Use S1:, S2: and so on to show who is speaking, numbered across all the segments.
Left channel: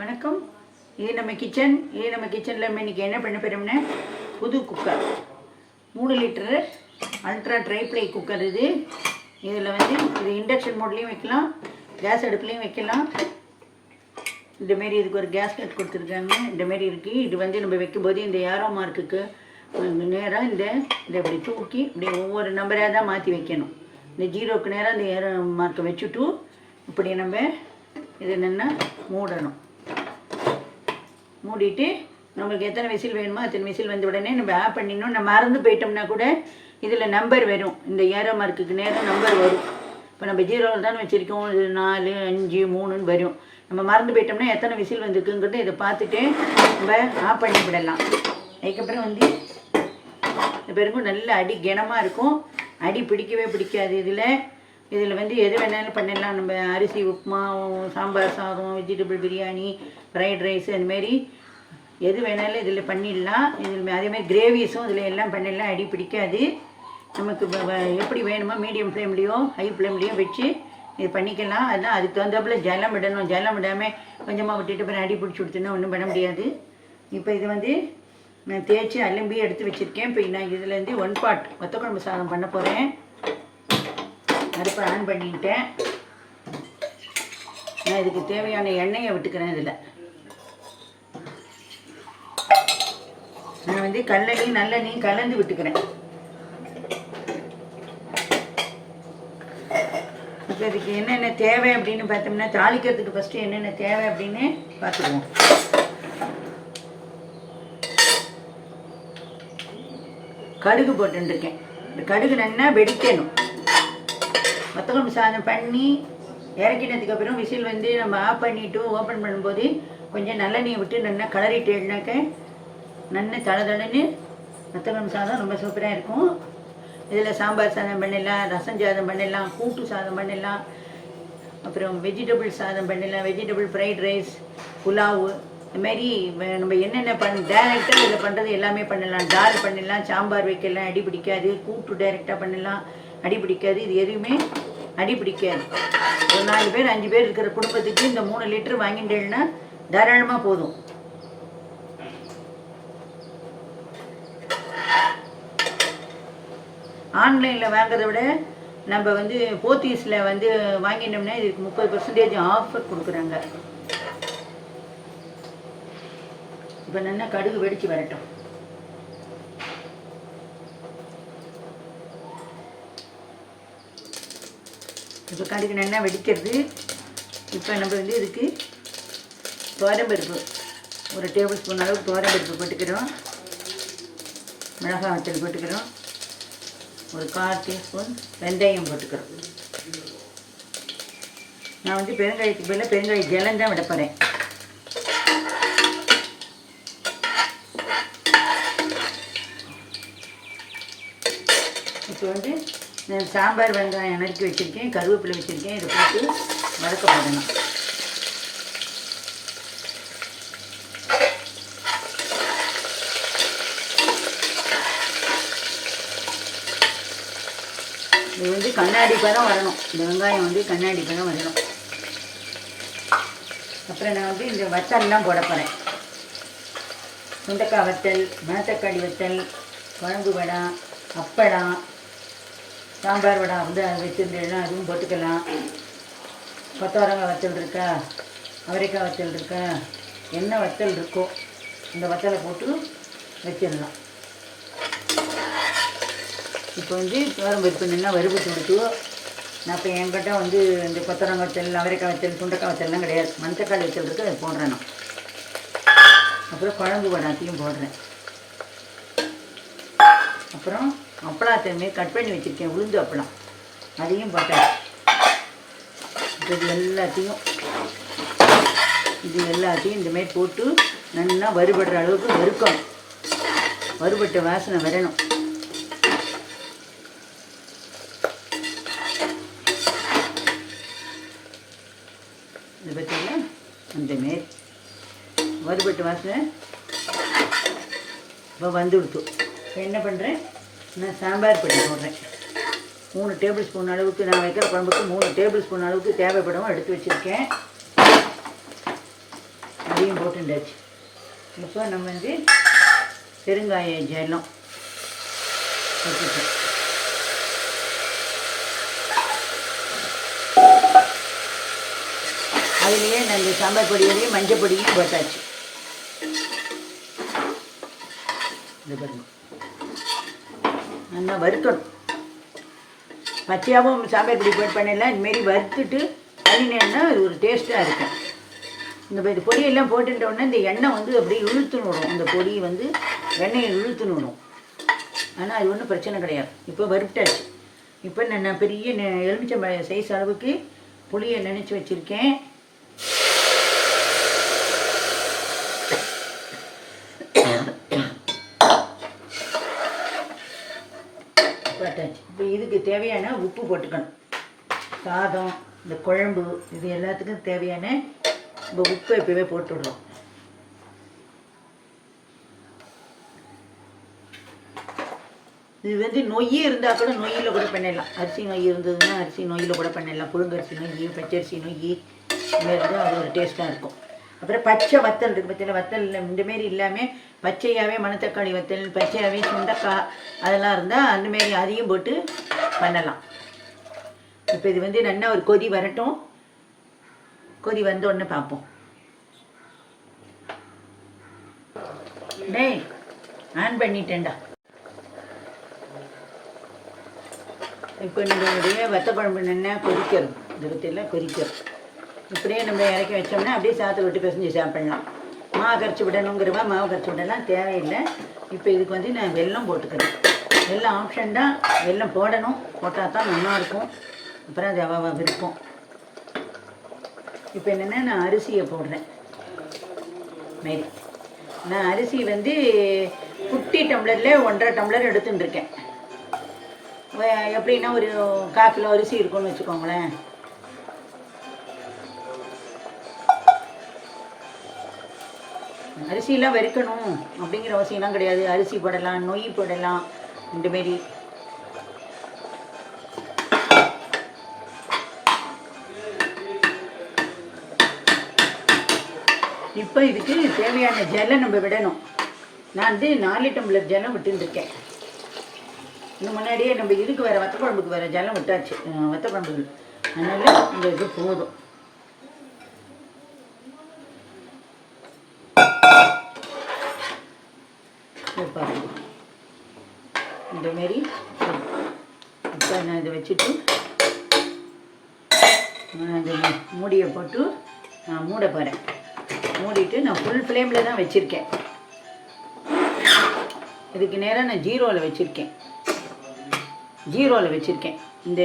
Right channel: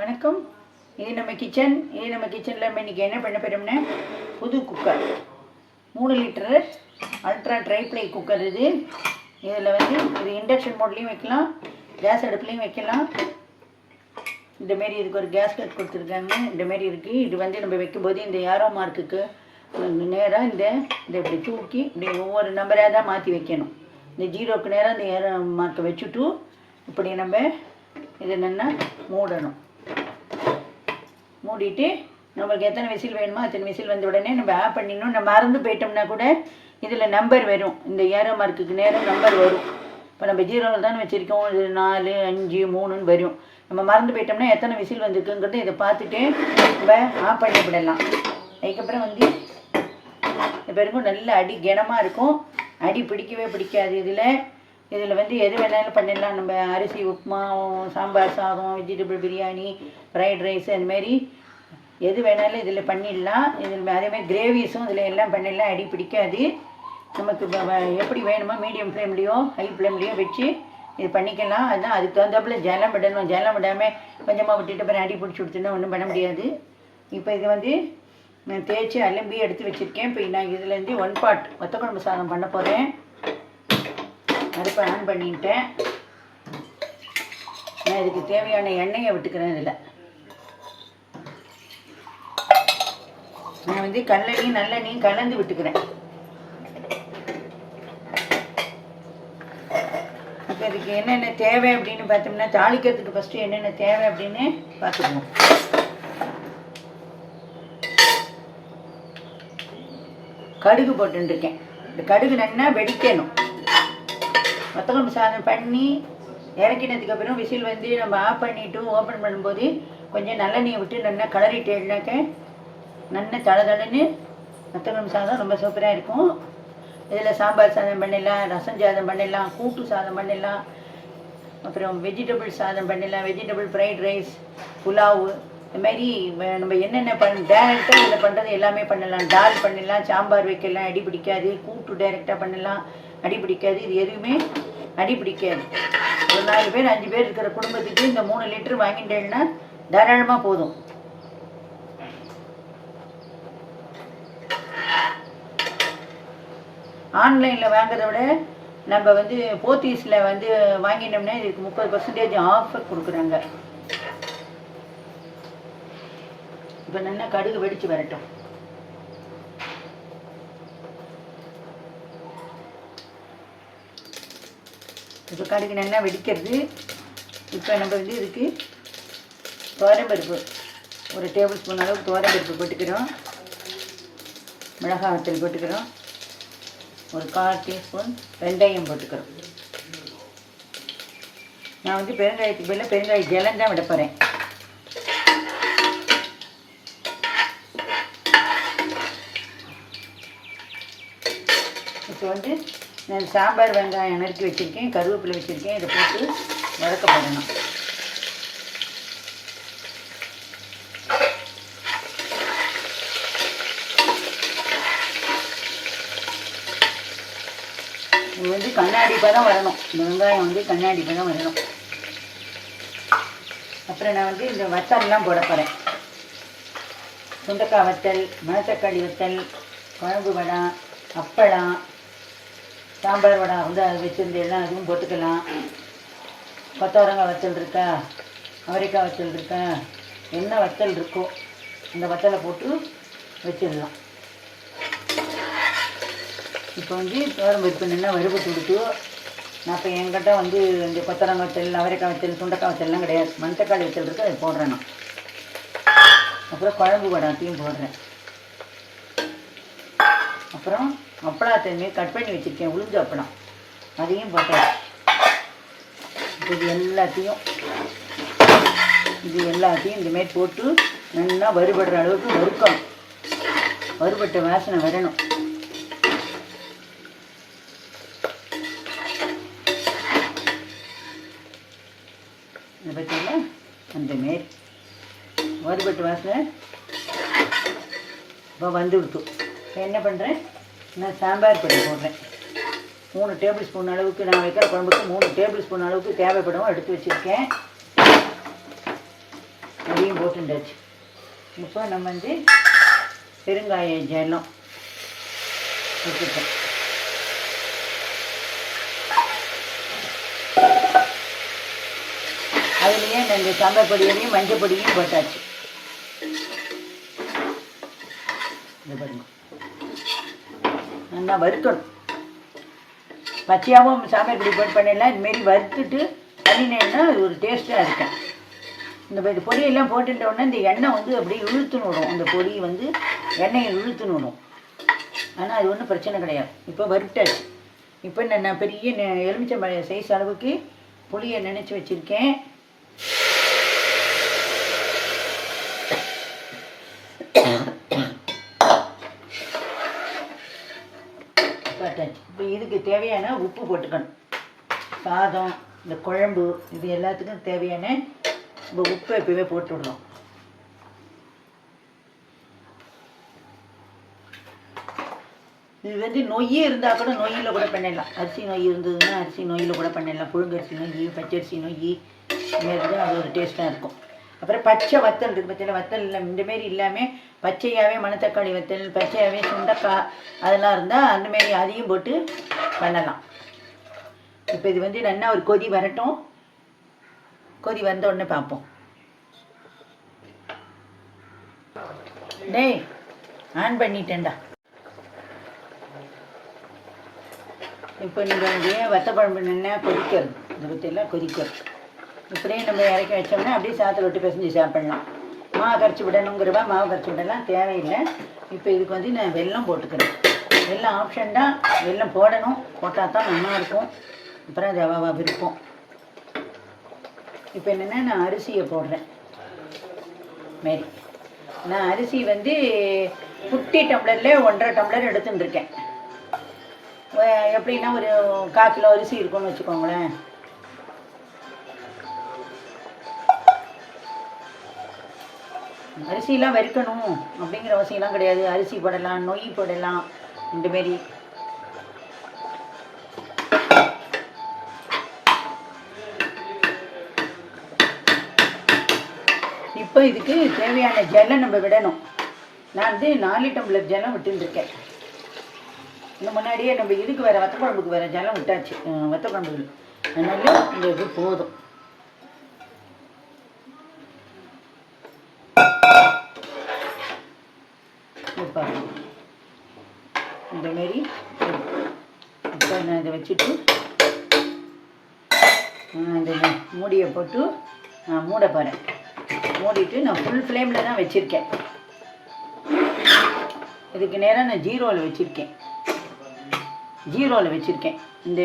S1: வணக்கம். இது நம்ம கிச்சன் இது நம்ம கிச்சனில் நம்ம இன்றைக்கி என்ன பண்ண போகிறோம்னா புது குக்கர் மூணு litre ultra tri ply cooker இது. இதில் வந்து இது இண்டக்ஷன் மோட்லேயும் வைக்கலாம் கேஸ் அடுப்புலேயும் வைக்கலாம். இந்த மாரி இதுக்கு ஒரு கேஸ் கட் கொடுத்துருக்காங்க. இந்த மாரி இருக்குது இது வந்து நம்ம வைக்கும்போது இந்த ஏரோ மார்க்குக்கு நேராக இந்த இந்த இப்படி தூக்கி இப்படி ஒவ்வொரு நம்பராக தான் மாற்றி வைக்கணும். இந்த ஜீரோக்கு நேராக இந்த ஏரோ மார்க்கை வச்சுட்டு இப்படி நம்ம இது என்னென்னா மூடணும். மூடிட்டு நம்மளுக்கு எத்தனை விசில் வேணுமோ அத்தனை விசில் வந்த உடனே நம்ம ஆஃப் பண்ணிடணும். நம்ம மறந்து போயிட்டோம்னா கூட இதில் நம்பர் வரும். இந்த ஏரோ மார்க்குக்கு நேரம் நம்பர் வரும். இப்போ நம்ம ஜீரோவில் தான் வச்சுருக்கோம். இது நாலு அஞ்சு மூணுன்னு வரும். நம்ம மறந்து போயிட்டோம்னா எத்தனை விசில் வந்திருக்குங்கிறத இதை பார்த்துட்டு நம்ம ஆஃப் பண்ணிக்கிடலாம் அதுக்கப்புறம் வந்து இந்த பிறகும் நல்ல அடி கனமாக இருக்கும். அடி பிடிக்கவே பிடிக்காது இதில். இதில் வந்து எது வேணாலும் பண்ணிடலாம். நம்ம அரிசி உப்புமா சாம்பார் சாதம் வெஜிடபிள் பிரியாணி ஃப்ரைட் ரைஸ் அந்தமாரி எது வேணாலும் இதில் பண்ணிடலாம். இதில் அதேமாதிரி கிரேவிஸும் இதில் எல்லாம் பண்ணிடலாம். அடி பிடிக்காது. நமக்கு எப்படி வேணுமோ மீடியம் ஃப்ளேம்லேயோ ஹை ஃப்ளேம்லேயோ வச்சு இது பண்ணிக்கலாம். அதுதான் அதுக்கு தகுந்தாப்புல ஜலம் விடணும். ஜலம் விடாமல் கொஞ்சமாக விட்டுட்டு அப்புறம் அடி பிடிச்சி கொடுத்துனா ஒன்றும் பண்ண முடியாது. இப்போ இது வந்து நான் தேய்ச்சி அலம்பி எடுத்து வச்சுருக்கேன். இப்போ நான் இதுலேருந்து ஒன் பாட் ஒத்த குழம்பு சாதம் பண்ண போகிறேன் அடுப்பை ஆன் பண்ணிட்டேன். நான் இதுக்கு தேவையான எண்ணெயை விட்டுக்கிறேன் இதில். நான் வந்து கல்லெண்ணையும் நல்லெண்ணையும் கலந்து விட்டுக்கிறேன். இப்போ இதுக்கு என்னென்ன தேவை அப்படின்னு பார்த்தோம்னா தாளிக்கிறதுக்கு ஃபஸ்ட்டு என்னென்ன தேவை அப்படின்னு பார்த்துக்குவோம். கடுகு போட்டுருக்கேன். இந்த கடுகு நல்லா வெடிக்கணும். மொத்தக்குழம்பு சாதம் பண்ணி இறக்கினதுக்கு அப்புறம் விசில் வந்து நம்ம ஆஃப் பண்ணிவிட்டு ஓப்பன் பண்ணும்போது கொஞ்சம் நல்லெண்ணெயை விட்டு நல்லா கலரிட்டேனாக்க நல்லா தளதளன்னு மொத்தக்குழம்பு சாதம் ரொம்ப சூப்பராக இருக்கும். இதில் சாம்பார் சாதம் பண்ணிடலாம் ரசம் சாதம் பண்ணிடலாம் கூட்டு சாதம் பண்ணிடலாம் அப்புறம் வெஜிடபிள் சாதம் பண்ணிடலாம் வெஜிடபிள் ஃப்ரைட் ரைஸ் புலாவு. இது மாதிரி நம்ம என்னென்ன பண்ண டேரெக்டாக இதில் பண்ணுறது எல்லாமே பண்ணலாம். டால் பண்ணிடலாம் சாம்பார் வைக்கலாம் அடி பிடிக்காது கூட்டு டேரெக்டாக பண்ணலாம் அடி பிடிக்காது இது எதுவுமே அடி பிடிக்காது ஒரு நாலு பேர் அஞ்சு பேர் இருக்கிற குடும்பத்துக்கு இந்த மூணு லிட்டர் வாங்கிட்டேன்னா தாராளமாக போதும். ஆன்லைனில் வாங்குறத விட நம்ம வந்து போத்தீஸில் வந்து வாங்கினோம்னா இதுக்கு முப்பது பர்சன்டேஜ் ஆஃபர் கொடுக்குறாங்க. இப்போ நல்லா கடுகு வெடிச்சு வரட்டும். இப்போ கடுகு நல்லா வெடிக்கிறது. இப்போ நம்ம வந்து இதுக்கு தோரம்பருப்பு ஒரு டேபிள் ஸ்பூன் அளவுக்கு தோரம்பருப்பு போட்டுக்கிறோம். மிளகாய் வத்தல் போட்டுக்கிறோம். ஒரு கால் டீஸ்பூன் வெந்தயம் போட்டுக்கிறோம். நான் வந்து பெருங்காயத்துக்கு பதிலாக பெருங்காய ஜலம் தான் விட போகிறேன் இப்போ வந்து நான் சாம்பார் வெங்காயம் நறுக்கி வச்சுருக்கேன் கருவேப்பிலை வச்சுருக்கேன் இதை போட்டு வதக்க போடணும். இது வந்து கண்ணாடி தான் வரணும். இந்த வெங்காயம் வந்து கண்ணாடிக்காக தான் வரணும். அப்புறம் நான் வந்து இந்த வத்தல்லாம் போட போகிறேன் சுண்டக்காய் வத்தல் மணத்தக்காளி வத்தல் குழம்பு வடம் அப்பளம் சாம்பார் வடை வந்து அதை வச்சுருந்தேன்னா அதுவும் போட்டுக்கலாம். கொத்தவரங்காய் வத்தல் இருக்கா? அவரைக்காய் வத்தல் இருக்கா? என்ன வத்தல் இருக்கோ அந்த வத்தலை போட்டு வச்சிடலாம். இப்போ வந்து துவரம் பருப்பு நல்லா கொடுத்து நான் இப்போ என்கிட்ட வந்து இந்த கொத்தரங்காய் வத்தல் அவரைக்காய் வத்தல் சுண்டைக்காய் வத்தல்லாம் கிடையாது. மணத்தக்காளி வத்தல் இருக்கு அதை போடுறேன் நான். அப்புறம் குழம்பு வடாத்தையும் போடுறேன். அப்புறம் அப்பளத்தை கட் பண்ணி வச்சுருக்கேன். உளுந்து அப்பளம். அதையும் போட்டேன். இது எல்லாத்தையும் இது எல்லாத்தையும் இந்தமாரி போட்டு நல்லா வறுபடுற அளவுக்கு வறுக்கணும். வறுபட்ட வாசனை வரணும். இதை பார்த்தீங்களா அந்த மாரி வறுபட்டு வாசனை இப்போ வந்துடுத்து என்ன பண்ணுறேன் நான் சாம்பார் பொடி போடுறேன். மூணு டேபிள் ஸ்பூன் அளவுக்கு நான் வைக்கிற குழம்புக்கு மூணு டேபிள் ஸ்பூன் அளவுக்கு தேவைப்படும் எடுத்து வச்சுருக்கேன். அதையும் போட்டுண்டாச்சு. இப்போ நம்ம வந்து பெருங்காய ஜலம் வச்சுட்டோம் அதுலேயே நாங்கள் சாம்பார் பொடியிலையும் மஞ்சள் பொடியும் போட்டாச்சு இது பாருங்க. நான் வறுக்கணும் பச்சையாகவும் சாம்பார் இப்படி போட்டு பண்ணிடலாம் இதுமாரி வறுத்துட்டு பண்ணினேன்னா அது ஒரு டேஸ்ட்டாக இருக்கும். இந்த இது பொடியெல்லாம் போட்டுட்ட இந்த எண்ணெய் வந்து அப்படியே இழுத்துன்னு விடும் அந்த பொடி வந்து எண்ணெயை இழுத்துன்னு விடும் ஆனால் அது ஒன்றும் பிரச்சனை கிடையாது. இப்போ வறுத்தாச்சு. இப்போ நான் நான் பெரிய நெ- எலுமிச்சம்பழம் சைஸ் அளவுக்கு புளியை நினச்சி வச்சுருக்கேன். போட்டாச்சு இப்போ இதுக்கு தேவையான உப்பு போட்டுக்கணும். சாதம் இந்த குழம்பு இது எல்லாத்துக்கும் தேவையான இந்த உப்பு எப்பவே போட்டு விடலாம் இது வந்து நொய்யே இருந்தால் கூட நொய்யில் கூட பண்ணிடலாம். அரிசி நொய் இருந்ததுன்னா அரிசி நொய்யில் கூட பண்ணிடலாம். புழுங்கரிசி நொய் பச்சரிசி நொய் இதுமாரி அது ஒரு டேஸ்ட்டாக இருக்கும். அப்புறம் பச்சை வத்தல் இருக்குது பார்த்தீங்கன்னா வத்தல் இல்லை இந்தமாரி இல்லாமல் பச்சையாகவே மணத்தக்காளி வத்தல் பச்சையாகவே சுண்டக்காய் அதெல்லாம் இருந்தால் அந்தமாரி அதையும் போட்டு பண்ணலாம். இப்போ இது வந்து நல்லா ஒரு கொதி வரட்டும். கொதி வந்த உடனே பார்ப்போம். டேய் ஆன் பண்ணிட்டேன்டா. இப்போ நீங்கள் வத்த குழம்பு நல்லா கொதிக்கிறது? இந்த பற்றியெல்லாம் கொதிக்கிறது. இப்படியே நம்ம இறக்கி வச்சோம்னா அப்படியே சாத்தை விட்டு பிசைஞ்சு சாப்பிடலாம். மாவு கரைச்சி விடணுங்கிறவா மாவு கரைச்சி விடலாம் தேவையில்லை. இப்போ இதுக்கு வந்து நான் வெல்லம் போட்டுக்கிறேன். வெல்லம் ஆப்ஷன் தான். வெல்லம் போடணும். போட்டால் தான் நல்லா இருக்கும். அப்புறம் அது விருப்பம். இப்போ என்னென்னா நான் அரிசியை போடுறேன். மாரி. நான் அரிசி வந்து குட்டி டம்ளரில் ஒன்றரை டம்ளர் எடுத்துட்டுருக்கேன். எப்படின்னா ஒரு கால் கிலோ அரிசி இருக்கும்னு வச்சுக்கோங்களேன். அரிசிலாம் வறுக்கணும் அப்படிங்கிற அவசியம்லாம் கிடையாது. அரிசி போடலாம் நொய் போடலாம் இந்த மாரி இப்போ இதுக்கு தேவையான ஜெல்லை நம்ம விடணும். நான் வந்து நாலு டம்ளர் ஜலம் விட்டுருக்கேன் இந்த முன்னாடியே நம்ம இதுக்கு வேறு வத்த குழம்புக்கு வேறு ஜலம் விட்டாச்சு. அஹ் வத்த அதனால இந்த இது போதும். மாரி. நான் இதை வச்சுட்டு அந்த மூடியை போட்டு நான் மூட போகிறேன் மூடிட்டு நான் ஃபுல் ஃப்ளேமில் தான் வச்சுருக்கேன். இதுக்கு நேராக நான் ஜீரோவில் வச்சுருக்கேன். ஜீரோவில் வச்சுருக்கேன். இந்த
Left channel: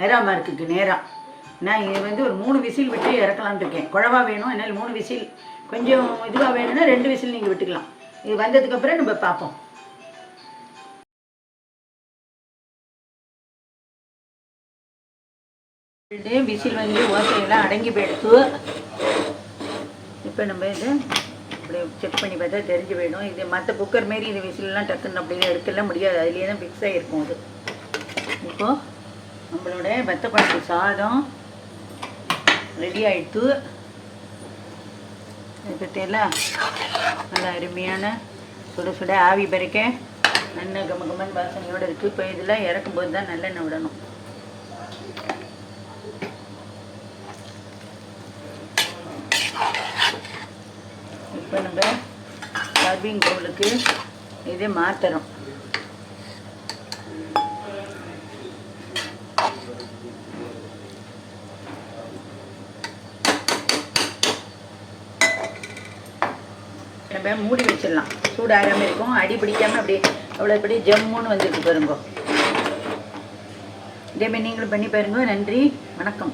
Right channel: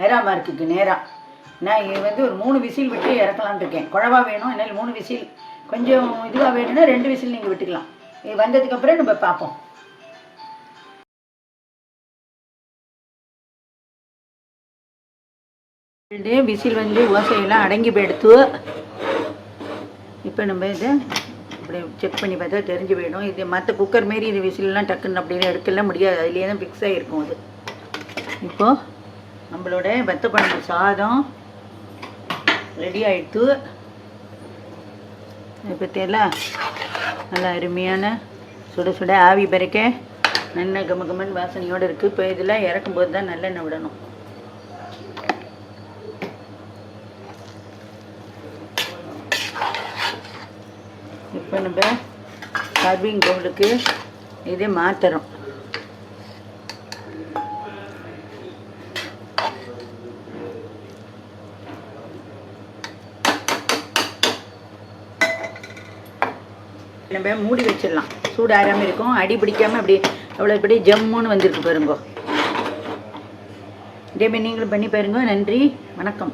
S1: மெரா மார்க்குக்கு நேராக நான் இது வந்து ஒரு மூணு விசில் விட்டு இறக்கலாம்னு இருக்கேன். குழவா வேணும் என்னால் மூணு விசில். கொஞ்சம் இதுவாக வேணும்னா ரெண்டு விசில் நீங்கள் விட்டுக்கலாம். இது வந்ததுக்கப்புறம் நம்ம பார்ப்போம். அப்படியே விசில் வந்து ஓசையெல்லாம் அடங்கி போயிடுத்து. இப்போ நம்ம இதை அப்படியே செக் பண்ணி பார்த்தா தெரிஞ்சு போயிடும். இது மற்ற குக்கர் மாரி இது விசிலெலாம் டக்குன்னு அப்படியே எடுக்கலாம் முடியாது. அதுலேயே தான் ஃபிக்ஸ் ஆகிருக்கும் அது. இப்போது நம்மளோட வத்த சாதம் ரெடி ஆகிடுத்து இதை பற்றியெல்லாம் நல்லா அருமையான சுட சுட ஆவி பறக்க நல்ல கம கமன் வாசனையோடு இருக்குது இப்போ இதில் இறக்கும்போது தான் நல்லெண்ணெய் விடணும். போட்ட நம்ம சர்விங் பவுலுக்கு இதை நம்ம மூடி வச்சிடலாம். சூடு ஆறாமல் இருக்கும். அடி பிடிக்காம அப்படி அவ்வளோ இப்படி ஜம்முன்னு வந்திருக்கு பாருங்க. இதேமாதிரி நீங்களும் பண்ணி பாருங்க. நன்றி. வணக்கம்.